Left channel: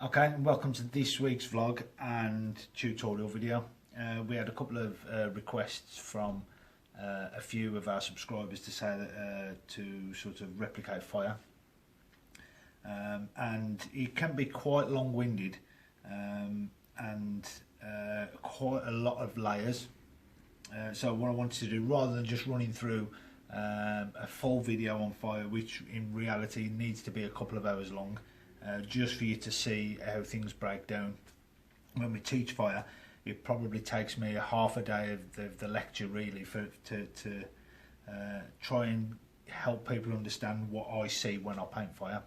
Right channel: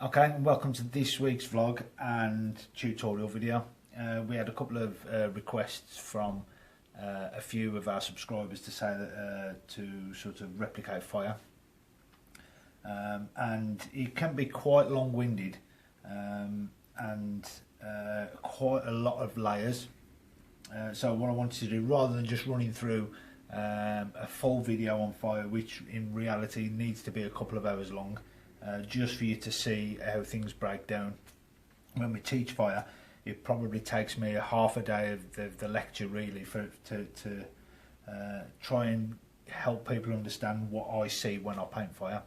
Okay, and welcome to this week's vlog and tutorial video. We had a couple of requests from a few of our subscribers to say that to sort of replicate fire, and it can be quite long-winded and quite a lot of layers. So what I wanted to do, rather than just running through a full video on fire, which in reality needs to be a couple of hours long, just for you to see how things break down. When we teach fire, it probably takes me a half a day of the lecture really to try and help people understand what I see when I paint fire.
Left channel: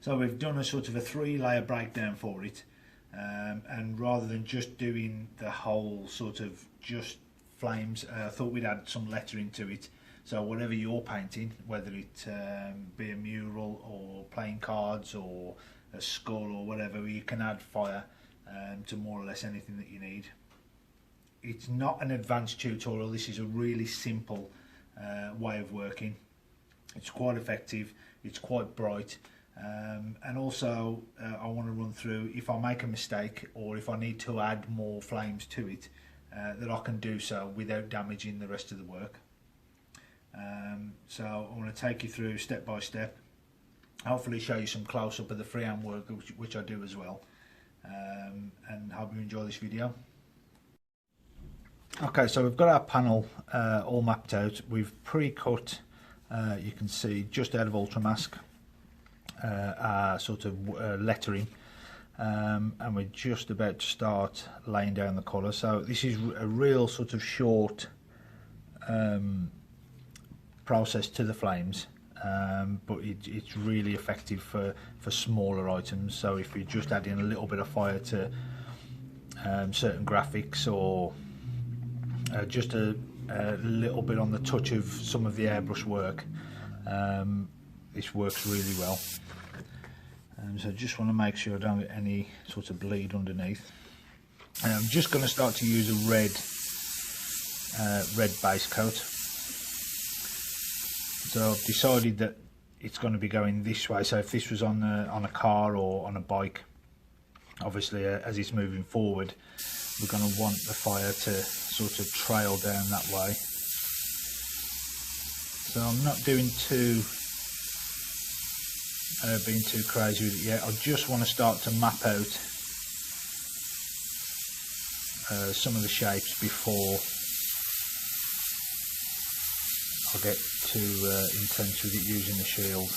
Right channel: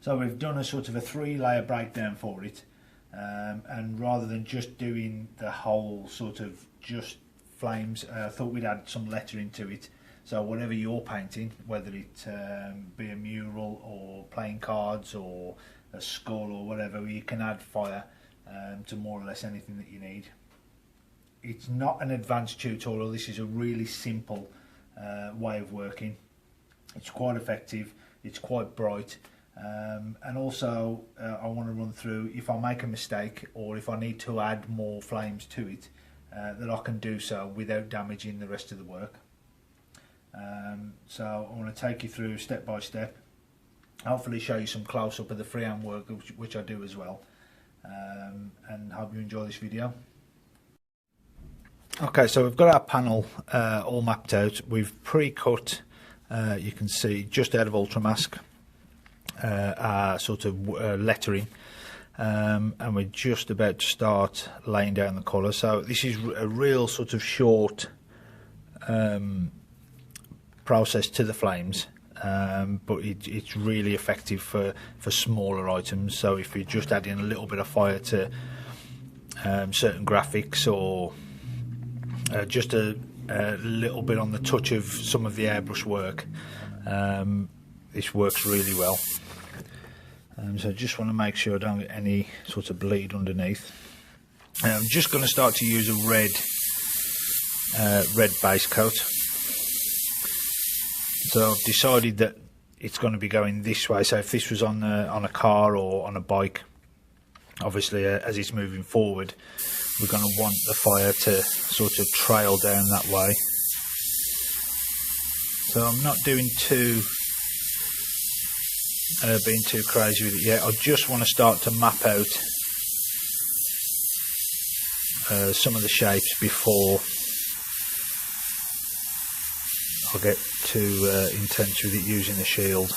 So we've done a sort of a 3-layer breakdown for it, and rather than just doing the whole sort of just flames, I thought we'd add some lettering to it. So whatever you're painting, whether it be a mural or playing cards or a skull or whatever, you can add fire to more or less anything that you need. It's not an advanced tutorial. This is a really simple way of working. It's quite effective, it's quite bright, and also I want to run through, if I make a mistake or if I need to add more flames to it, that I can do so without damaging the rest of the work. So I want to take you through step by step, hopefully show you some close-up of the freehand work, which I do as well, and hope you enjoy this video. Okay, so we've got our panel all mapped out. We've pre-cut, you can see just out of Ultramask, our sort of lettering, and we're just about to start laying down the colour. So this is a real sort of short process to the flames, but it's really effective for smaller items. So if you're just adding a little bit of fire to certain graphics, or just a little bit on the touch of some of the airbrush work, this works really well. So I just want to make sure I don't get any sort of bleed underneath. I'm just going to start to use a red base coat. So I've decided that it's going to be going this way. So if this was on a car or on a bike, obviously as it's moving forward, we're going to want the fire to sort of trail down that way. So I'm not doing being too crazy with it yet. I just want to start to map out some of the shapes before I'll get too intense with it using the shield.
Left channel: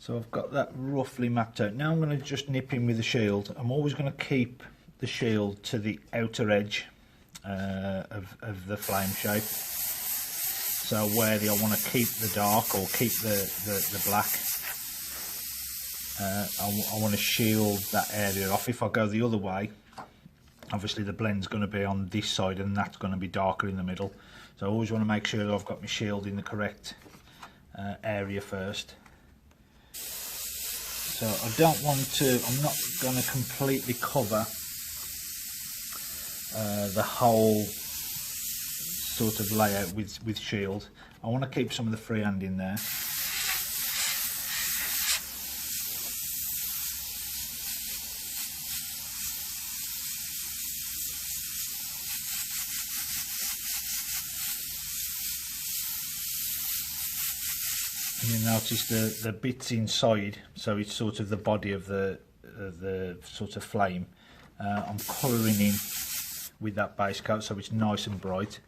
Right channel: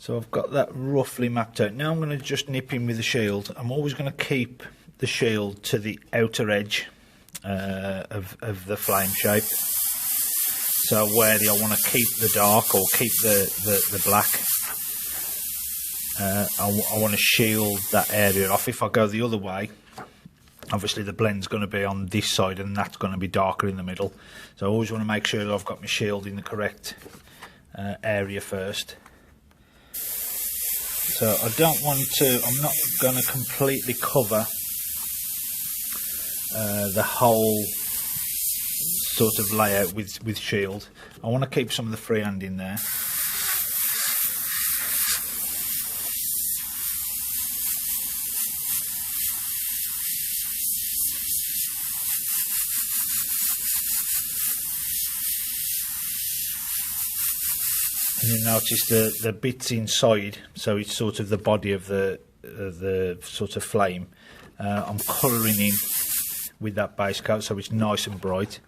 So I've got that roughly mapped out. Now I'm going to just nip in with the shield. I'm always going to keep the shield to the outer edge of the flame shape. So where I want to keep the dark or keep the black, I want to shield that area off. If I go the other way, obviously the blend's going to be on this side and that's going to be darker in the middle. So I always want to make sure that I've got my shield in the correct area first. So I don't want to, I'm not going to completely cover the whole sort of layout with shield. I want to keep some of the freehand in there. And you notice the bits inside, so it's sort of the body of the sort of flame. I'm colouring in with that base coat so it's nice and bright.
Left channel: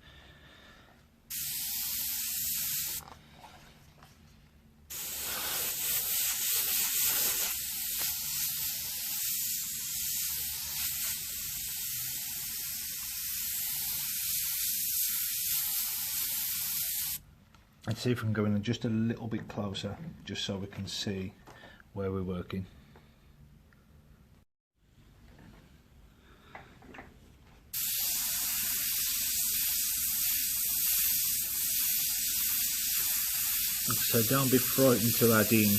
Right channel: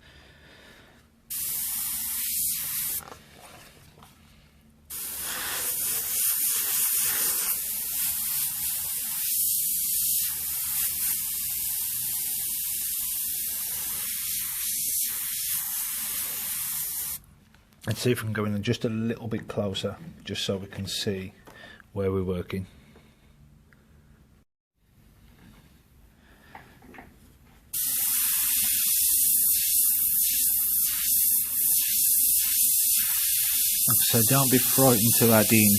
Let's see if we can go in just a little bit closer, just so we can see where we're working. So don't be frightened to add in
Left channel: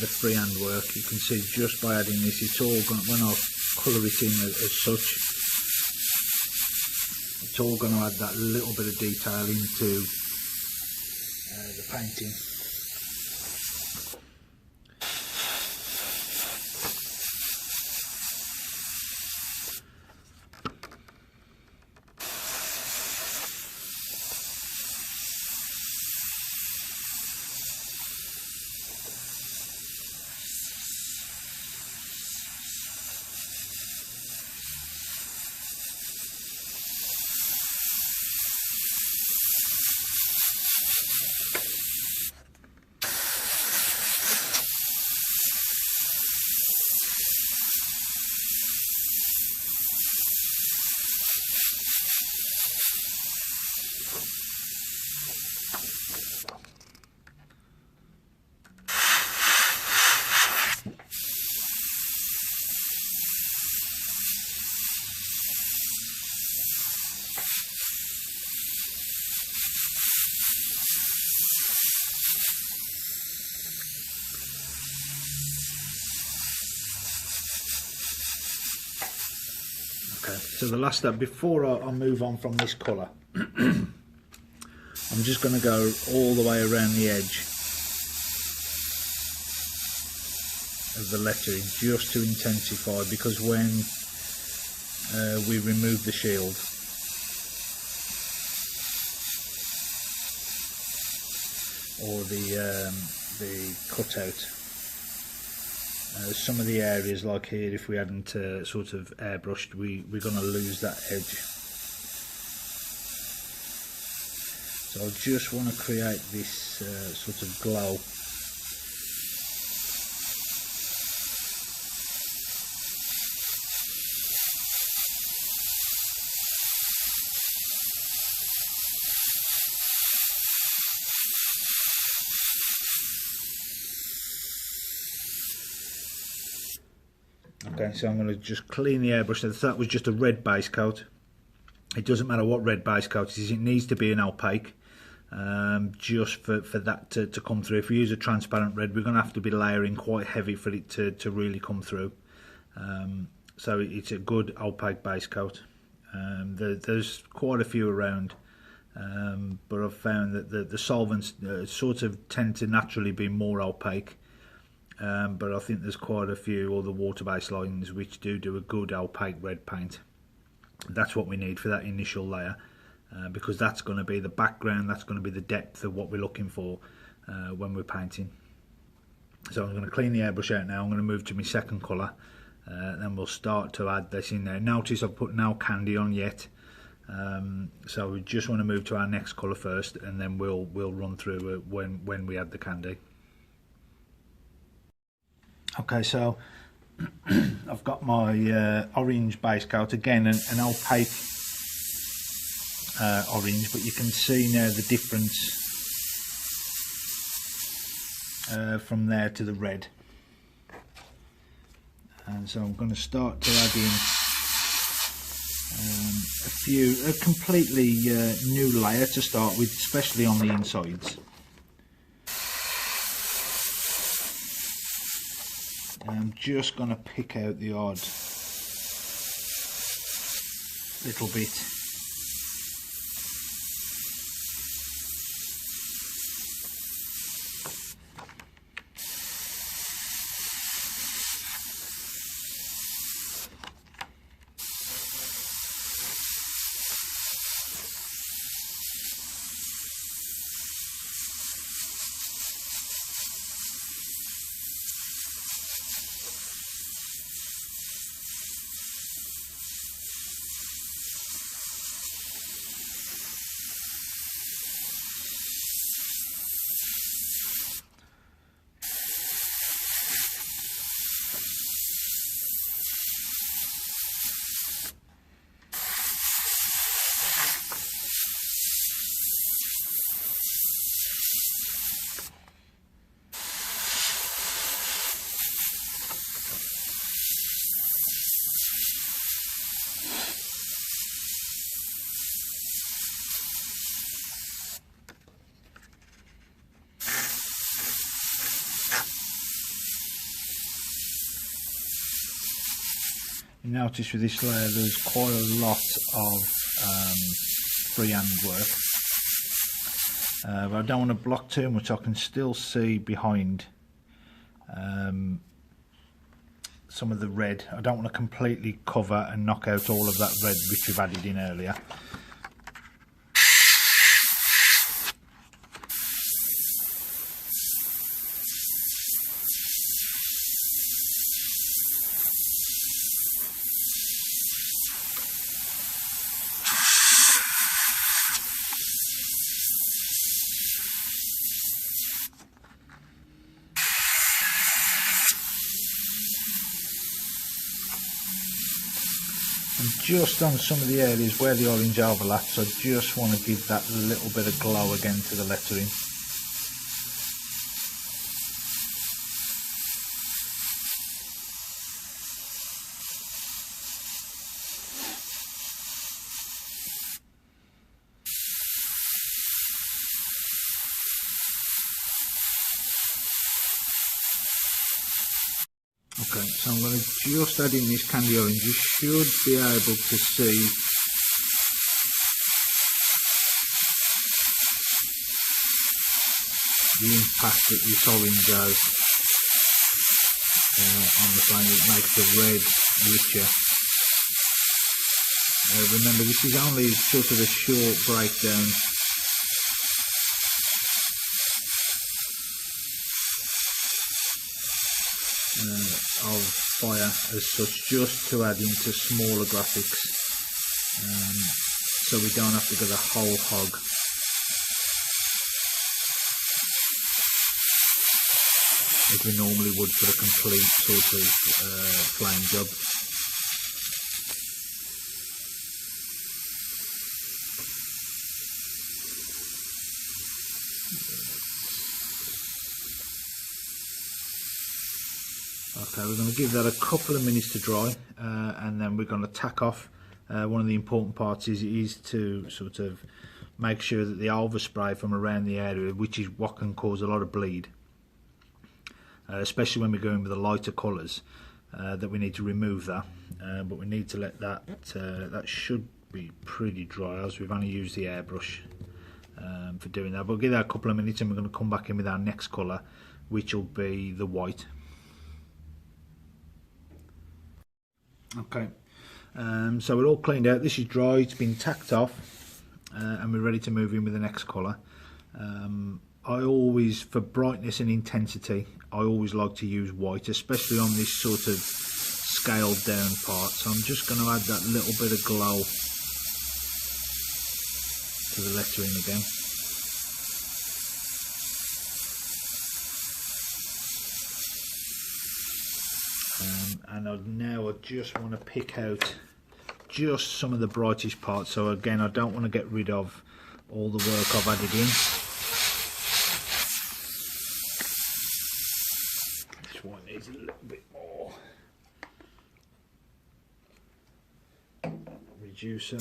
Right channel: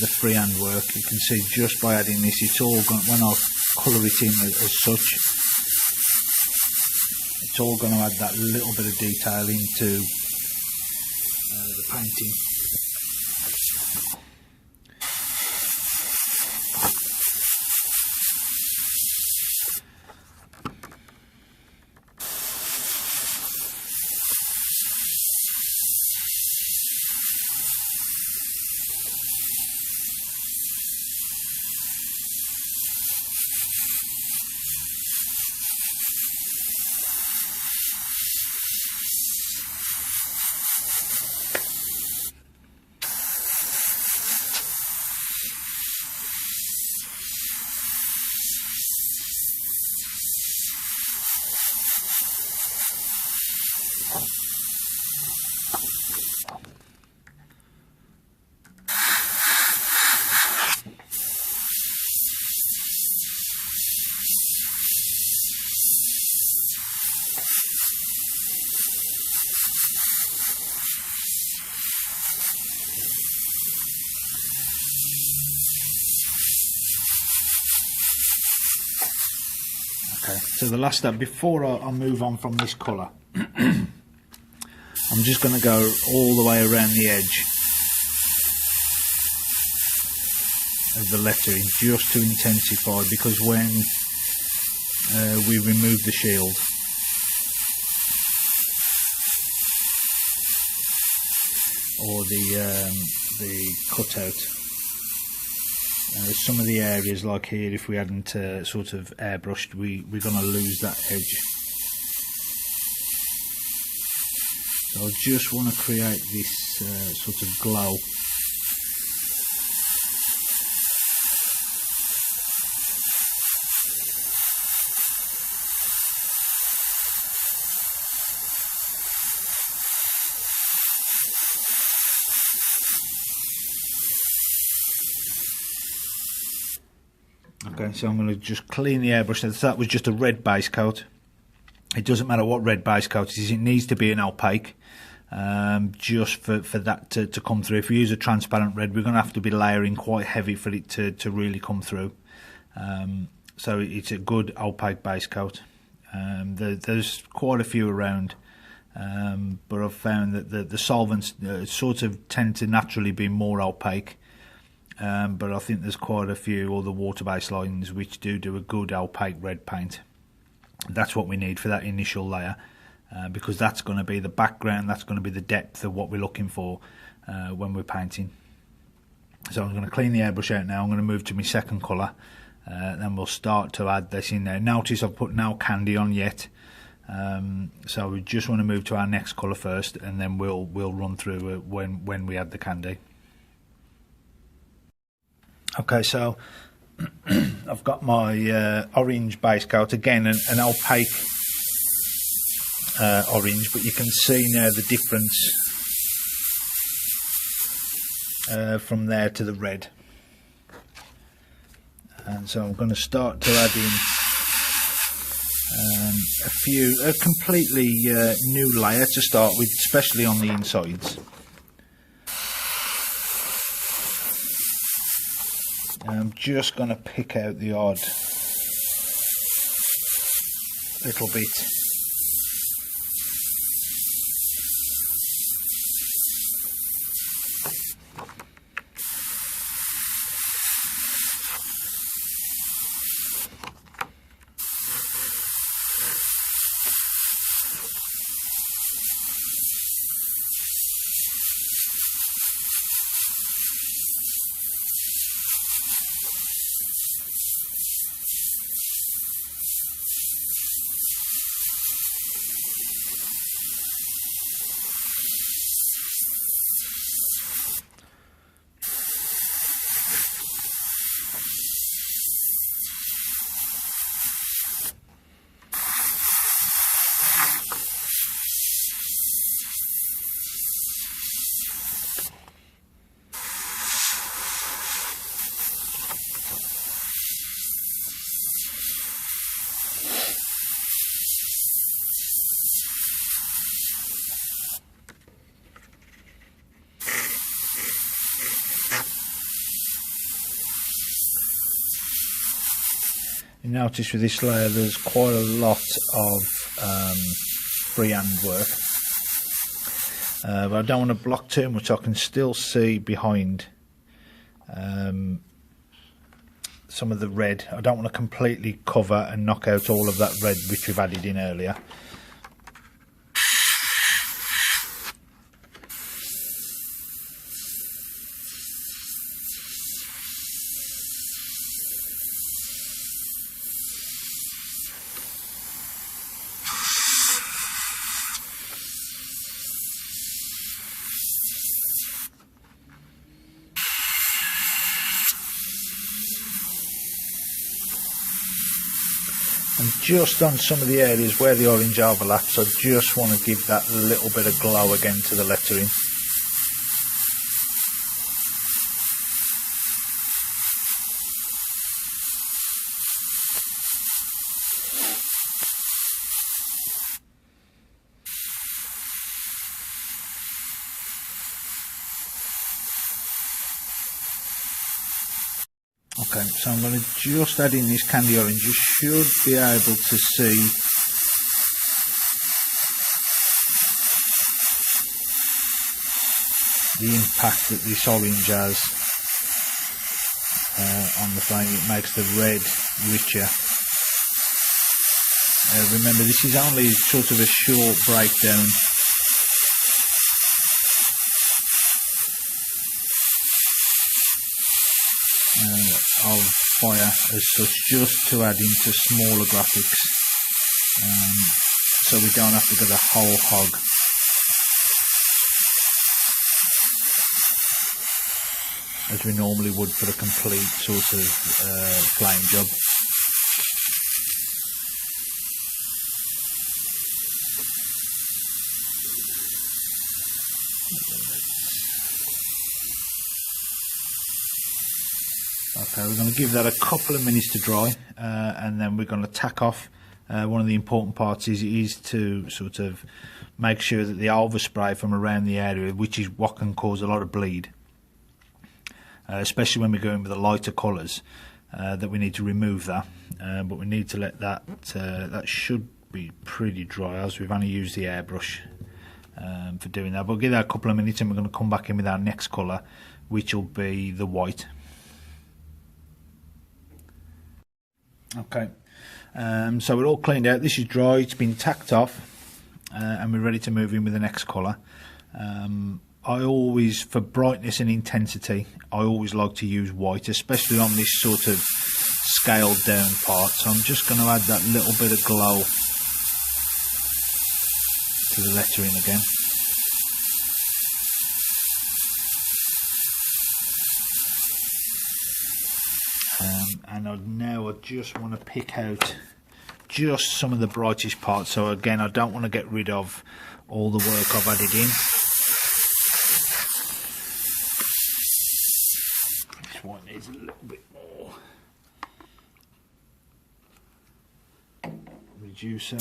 the freehand work. You can see just by adding this, it's all going, when I colour it in as such, it's all going to add that little bit of detail into the painting. So the last step, before I move on from this colour, I'm just going to go all the way around the edge of the lettering, just to intensify, because when we remove the shield, or the cutout, some of the areas, like here, if we hadn't sort of airbrushed, we're going to lose that edge. So I just want to create this sort of glow. Okay, so I'm going to just clean the airbrush. So that was just a red base coat. It doesn't matter what red base coat it is, it needs to be an opaque, just for that to come through. If we use a transparent red, we're going to have to be layering quite heavy for it to really come through. So it's a good opaque base coat. There's quite a few around, but I've found that the solvents sort of tend to naturally be more opaque. But I think there's quite a few other water-based lines which do a good opaque red paint. That's what we need for that initial layer, because that's going to be the background, that's going to be the depth of what we're looking for when we're painting. So I'm going to clean the airbrush out now. I'm going to move to my second colour, then we'll start to add this in there. Notice I've put no candy on yet, so we just want to move to our next colour first, and then we'll run through when we add the candy. Okay, so I've got my orange base coat, again an opaque orange, but you can see now the difference from there to the red. And so I'm going to start to add in a completely new layer to start with, especially on the insides. I'm just going to pick out the odd little bit. You notice with this layer there's quite a lot of freehand work, but I don't want to block too much. I can still see behind some of the red. I don't want to completely cover and knock out all of that red which we've added in earlier. And just on some of the areas where the orange overlaps, I just want to give that little bit of glow again to the lettering. Okay, so I'm going to just add in this candy orange. You should be able to see the impact that this orange has on the flame. It makes the red richer. Remember, this is only sort of a short breakdown of fire as such, just to add into smaller graphics, so we don't have to go the whole hog. As we normally would for a complete sort of flame job. Okay, we're going to give that a couple of minutes to dry, and then we're going to tack off. One of the important parts is to sort of make sure that the overspray from around the area, which is what can cause a lot of bleed, especially when we're going with the lighter colours, that we need to remove that. But we need to let that, that should be pretty dry, as we've only used the airbrush for doing that. But we'll give that a couple of minutes and we're going to come back in with our next colour, which will be the white. Okay, so we're all cleaned out. This is dry, it's been tacked off, and we're ready to move in with the next colour. I always, for brightness and intensity, I always like to use white, especially on this sort of scaled down part. So I'm just going to add that little bit of glow to the lettering again. And now I just want to pick out just some of the brightest parts. So again, I don't want to get rid of all the work I've added in. This one needs a little bit more reducer.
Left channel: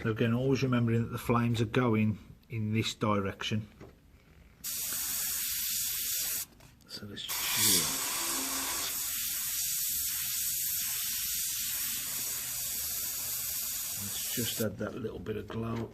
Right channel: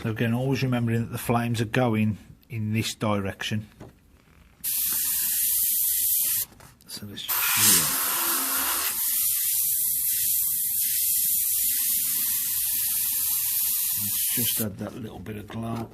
So again, always remembering that the flames are going in this direction. So let's just add that little bit of glow.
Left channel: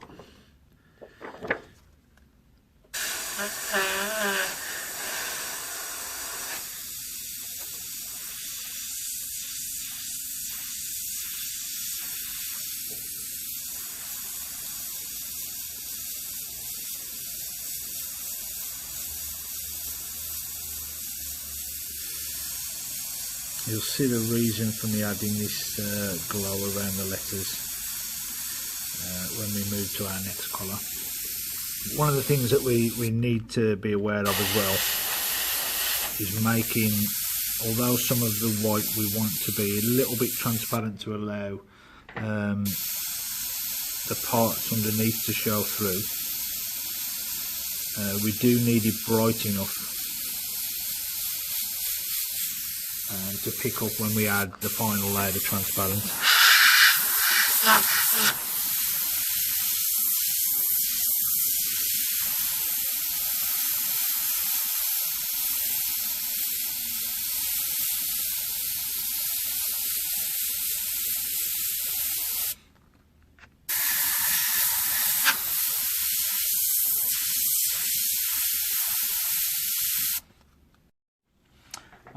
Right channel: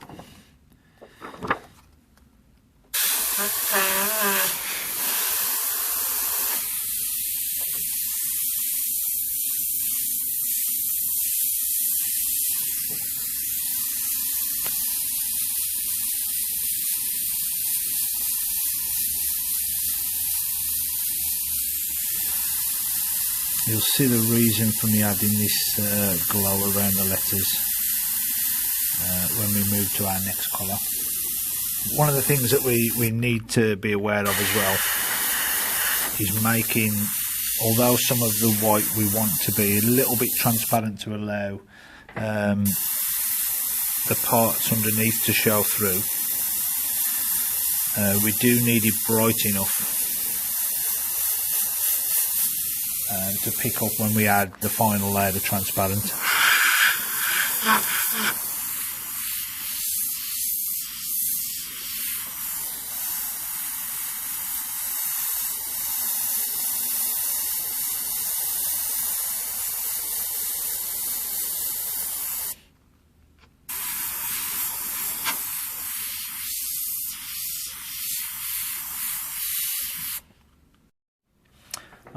You'll see the reason for me adding this glow around the letters when we move to our next colour. One of the things that we need to be aware of as well is making, although some of the white we want to be a little bit transparent to allow the parts underneath to show through, we do need it bright enough to pick up when we add the final layer of transparent.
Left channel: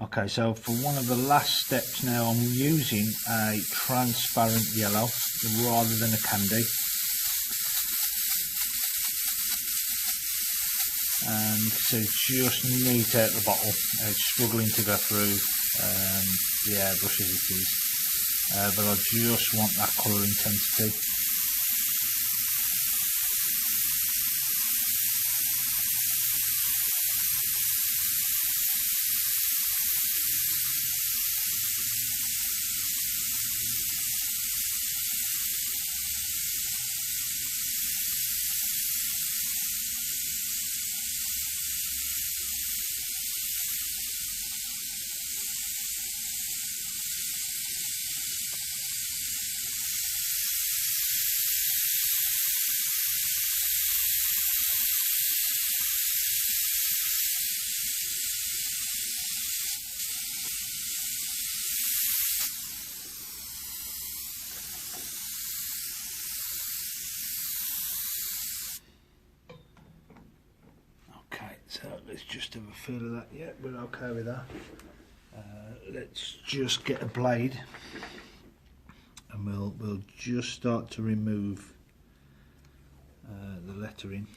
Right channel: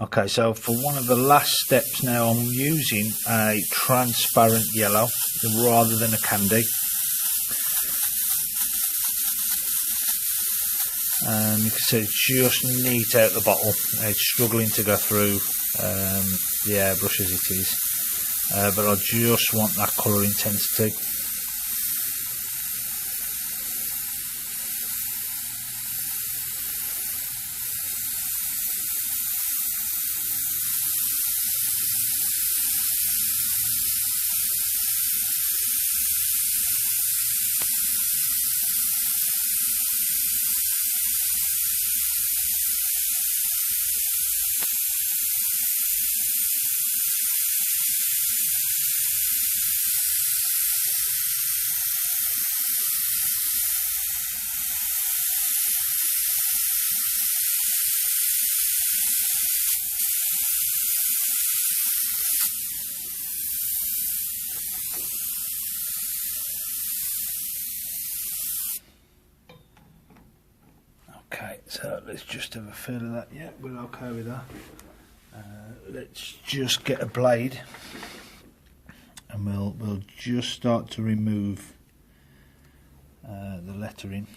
Okay, so for one of the last steps now, I'm using a transparent yellow rather than a candy. You can see it's just neat out the bottle. It's struggling to go through the airbrush as it is, but I just want that colour intensity. Okay, so let's just have a feel of that. Yeah, we're okay with that. Let's just get a blade and we'll just start to remove the lettering.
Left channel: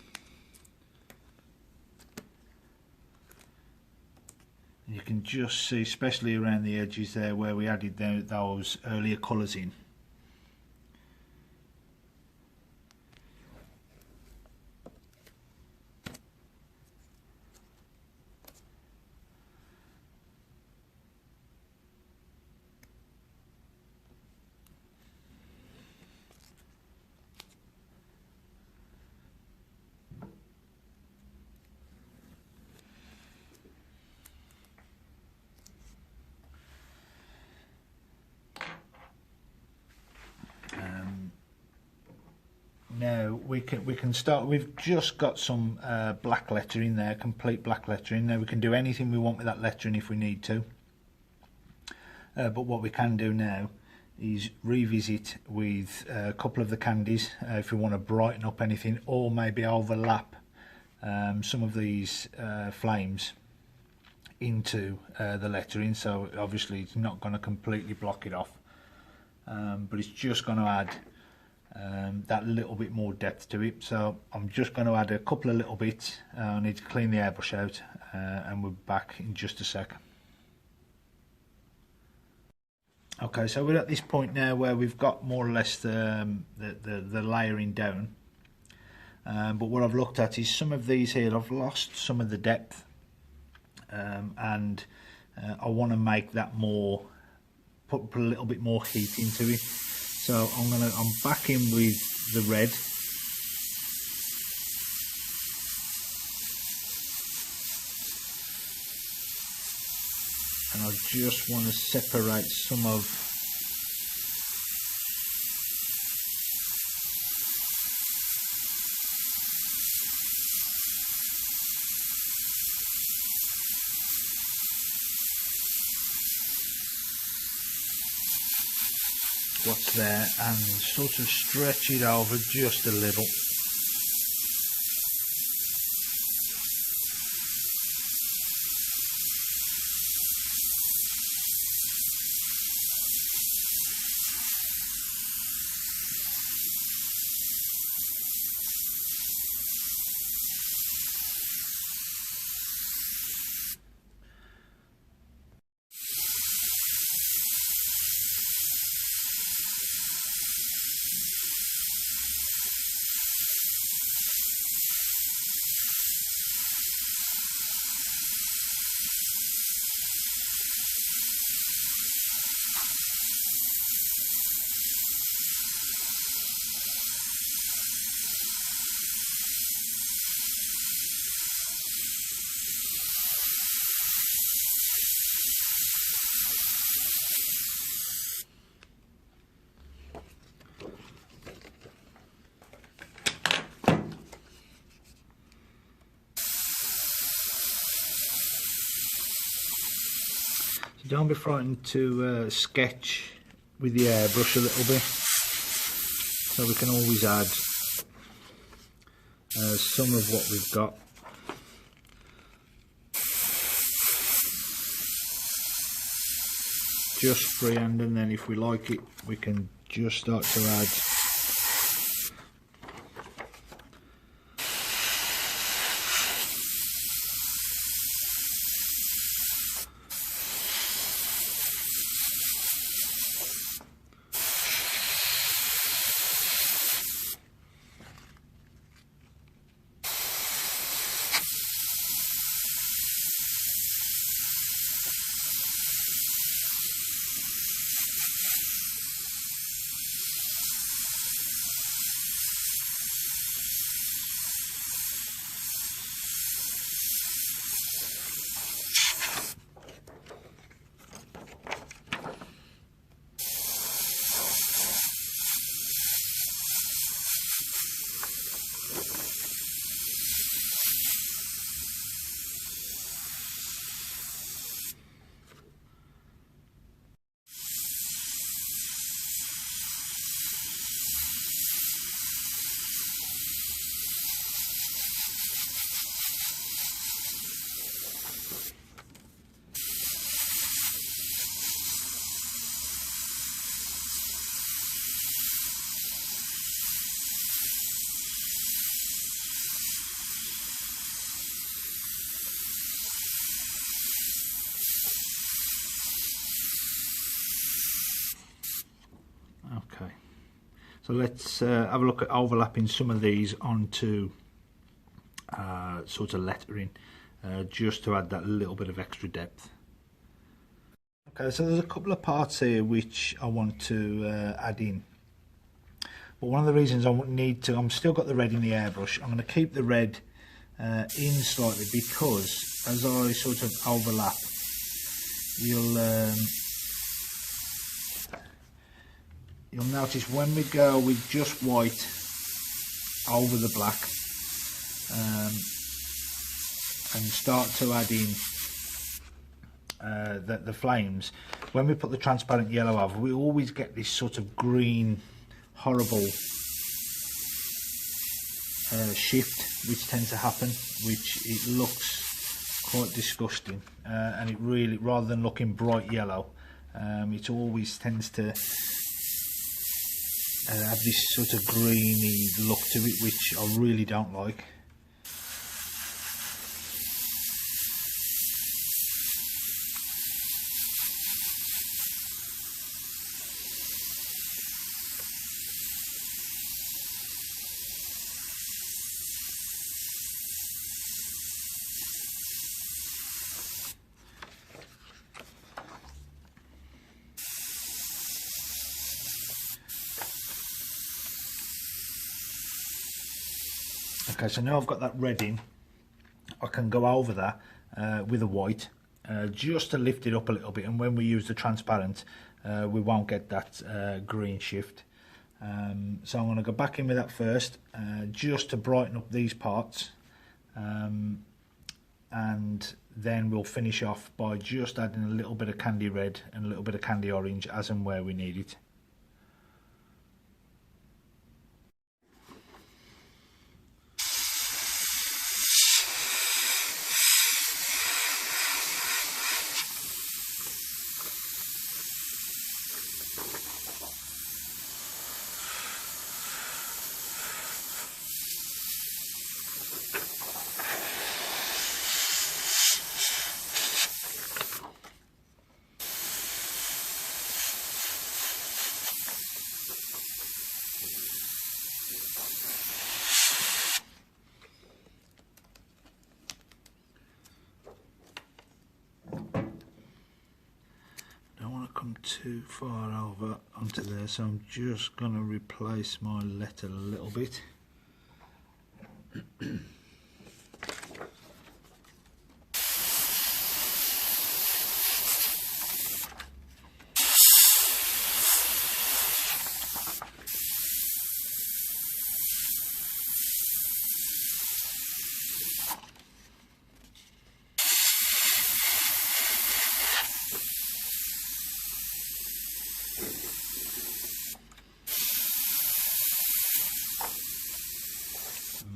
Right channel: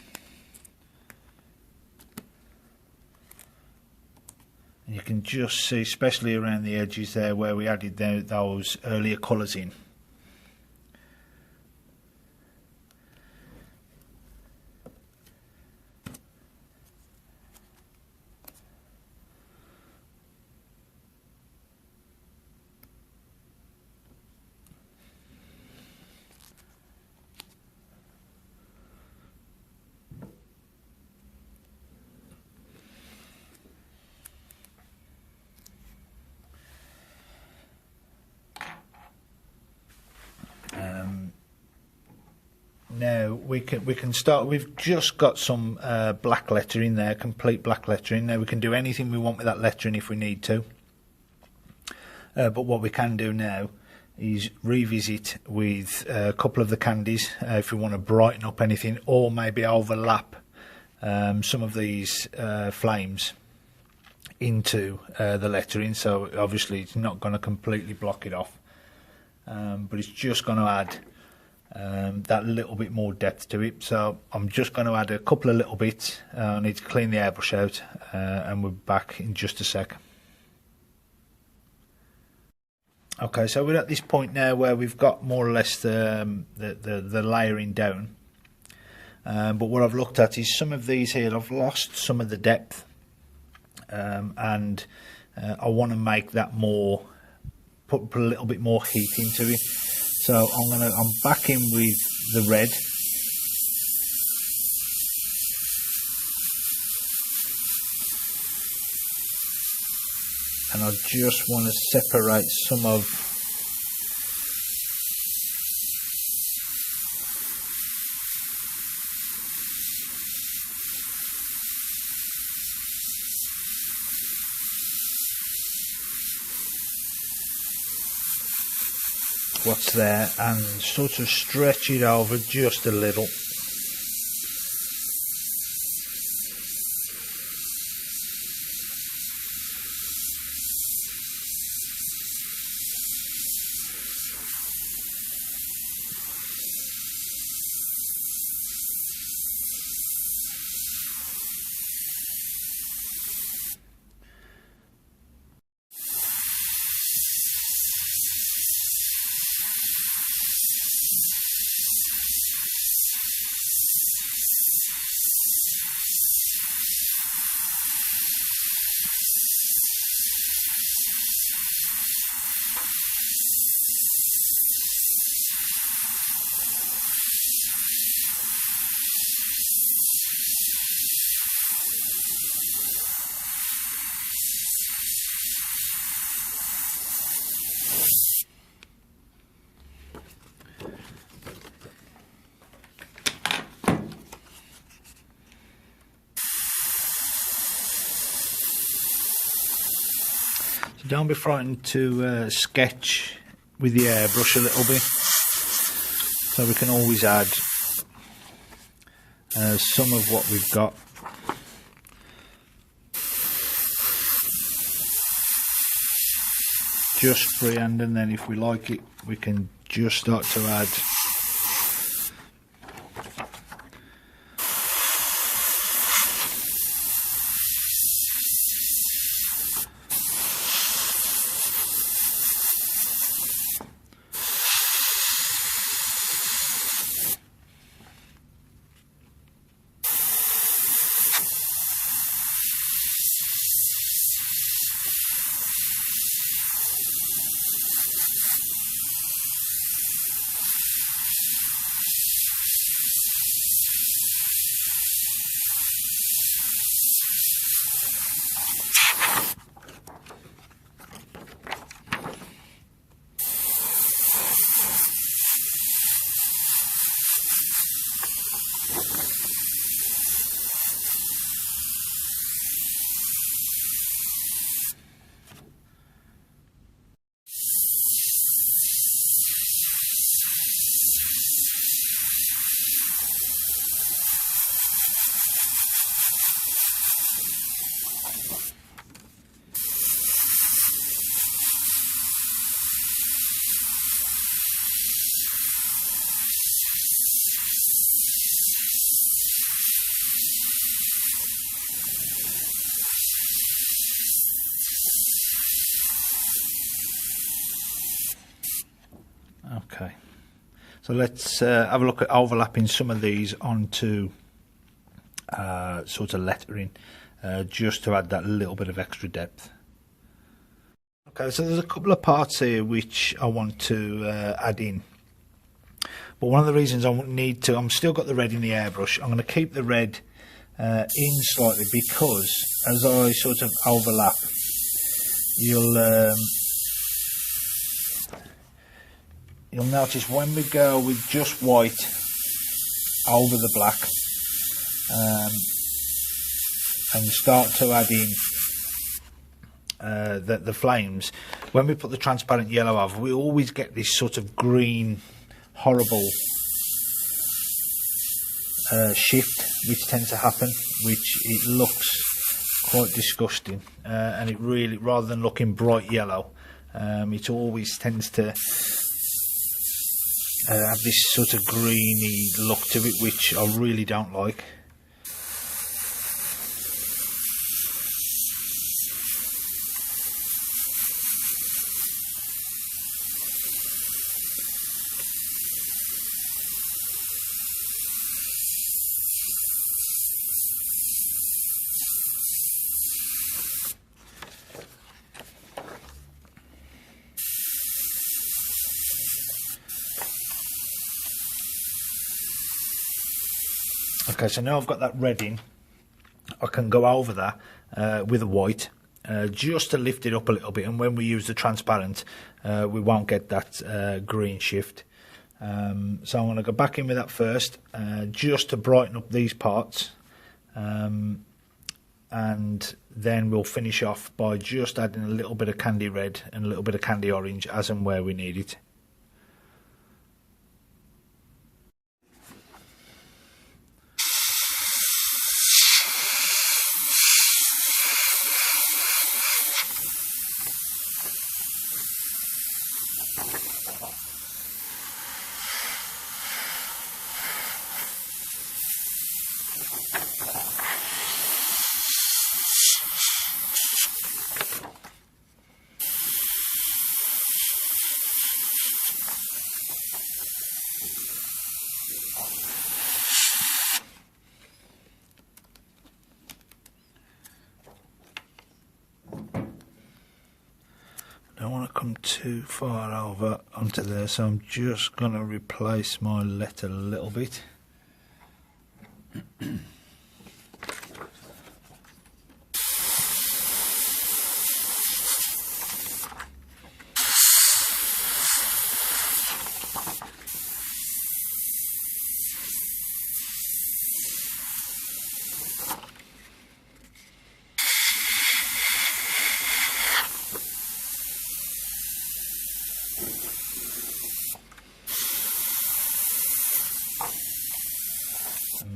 And you can just see, especially around the edges there where we added those earlier colours in. Now we can start. We've just got some black lettering there, complete black lettering. Now we can do anything we want with that lettering if we need to. But what we can do now is revisit with a couple of the candies if we want to brighten up anything, or maybe overlap some of these flames into the lettering. So obviously it's not going to completely block it off, but it's just going to add that little bit more depth to it. So I'm just going to add a couple of little bits. I need to clean the airbrush out, and we're back in just a sec. Okay, so we're at this point now where we've got more or less the layering down, but what I've looked at is some of these here I've lost some of the depth, and I want to make that more, put a little bit more heat into it. So I'm back in with the red. And I just want to separate some of what's there and sort of stretch it over just a little. Don't be frightened to sketch with the airbrush a little bit, so we can always add some of what we've got. Just freehand, and then if we like it we can just start to add Okay, so let's have a look at overlapping some of these onto sort of lettering, just to add that little bit of extra depth. Okay, so there's a couple of parts here which I want to add in, but one of the reasons I need to, I'm still got the red in the airbrush, I'm going to keep the red in slightly, because as I sort of overlap, you'll notice when we go with just white over the black and start to add in the flames, when we put the transparent yellow over, we always get this sort of green horrible shift which tends to happen, which it looks quite disgusting, and it really, rather than looking bright yellow, it always tends to have this sort of greeny look to it, which I really don't like. Okay, so now I've got that red in, I can go over that with a white, just to lift it up a little bit, and when we use the transparent we won't get that green shift. So I'm going to go back in with that first, just to brighten up these parts, and then we'll finish off by just adding a little bit of candy red and a little bit of candy orange as and where we need it. too far over onto there, so I'm just going to replace my letter a little bit.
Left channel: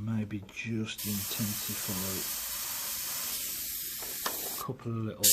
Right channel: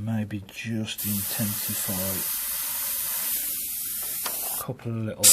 Maybe just intensify a couple of little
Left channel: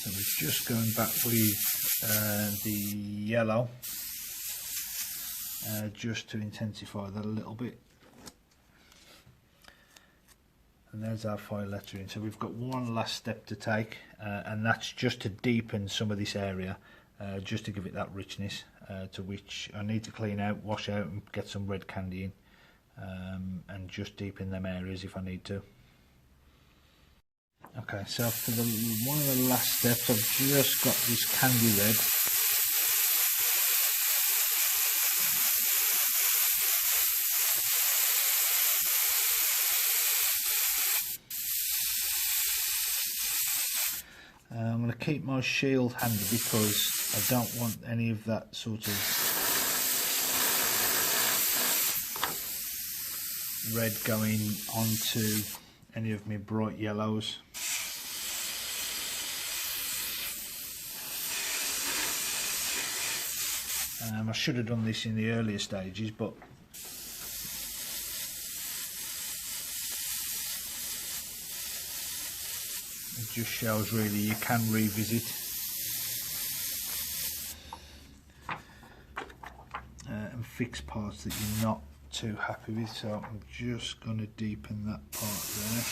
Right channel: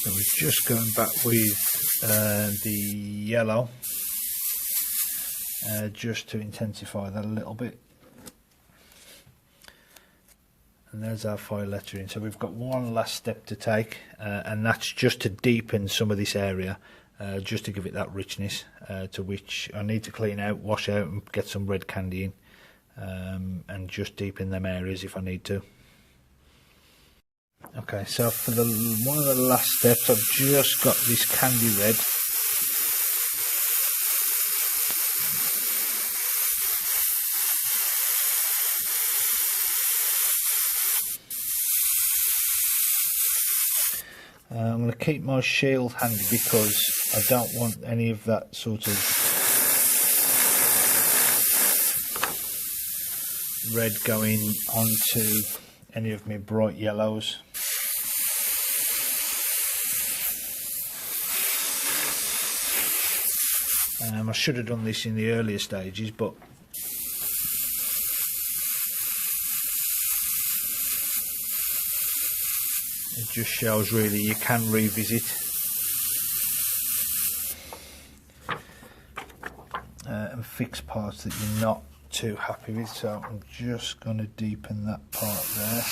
So we're just going back with the yellow just to intensify that a little bit. And there's our file lettering. So we've got one last step to take, and that's just to deepen some of this area, just to give it that richness, to which I need to clean out, wash out and get some red candy in, and just deepen them areas if I need to. Okay, so for the one of the last steps, I've just got this candy red. I'm going to keep my shield handy because I don't want any of that sort of red going onto any of my bright yellows. I should have done this in the earlier stages, but it just shows really you can revisit and fix parts that you're not too happy with. So I'm just going to deepen that part there.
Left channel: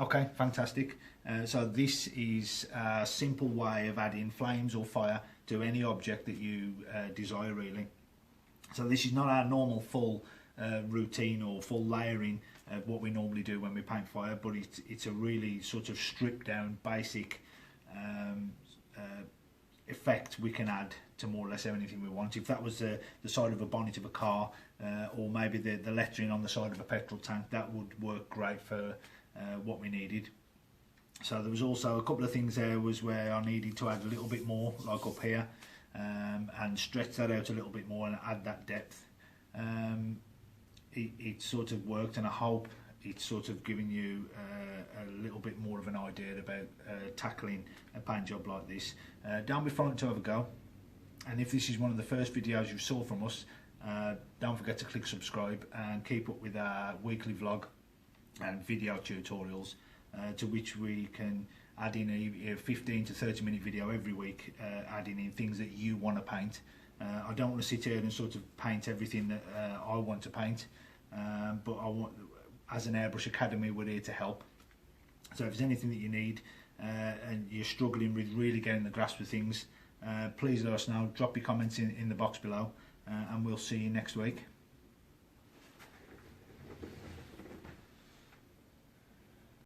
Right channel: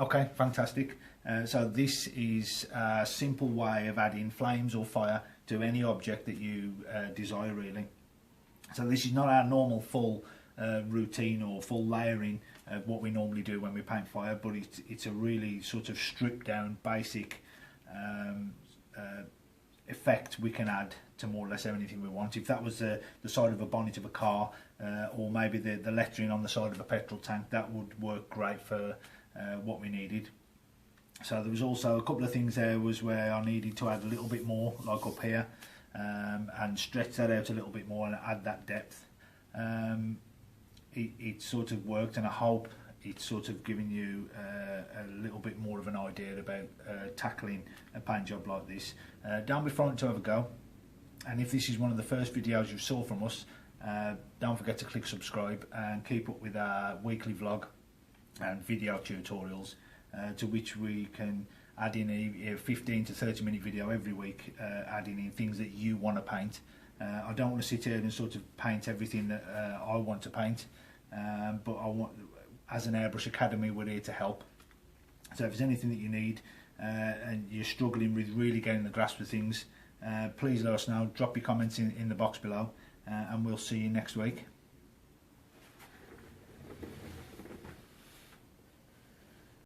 Okay, fantastic. So this is a simple way of adding flames or fire to any object that you desire, really. So this is not our normal full routine or full layering of what we normally do when we paint fire, but it's a really sort of stripped down basic effect we can add to more or less anything we want. If that was the side of a bonnet of a car, or maybe the lettering on the side of a petrol tank, that would work great for what we needed. So there was also a couple of things there was where I needed to add a little bit more, like up here, and stretch that out a little bit more and add that depth. It sort of worked, and I hope it's sort of giving you a little bit more of an idea about tackling a paint job like this. Don't be frightened to have a go, and if this is one of the first videos you saw from us, don't forget to click subscribe and keep up with our weekly vlog and video tutorials, to which we can add in a 15 to 30 minute video every week, adding in things that you want to paint. I don't want to sit here and sort of paint everything that I want to paint, but I want, as an Airbrush Academy, we're here to help. So if there's anything that you need and you're struggling with really getting the grasp of things, please let us know. Drop your comments in the box below, and we'll see you next week.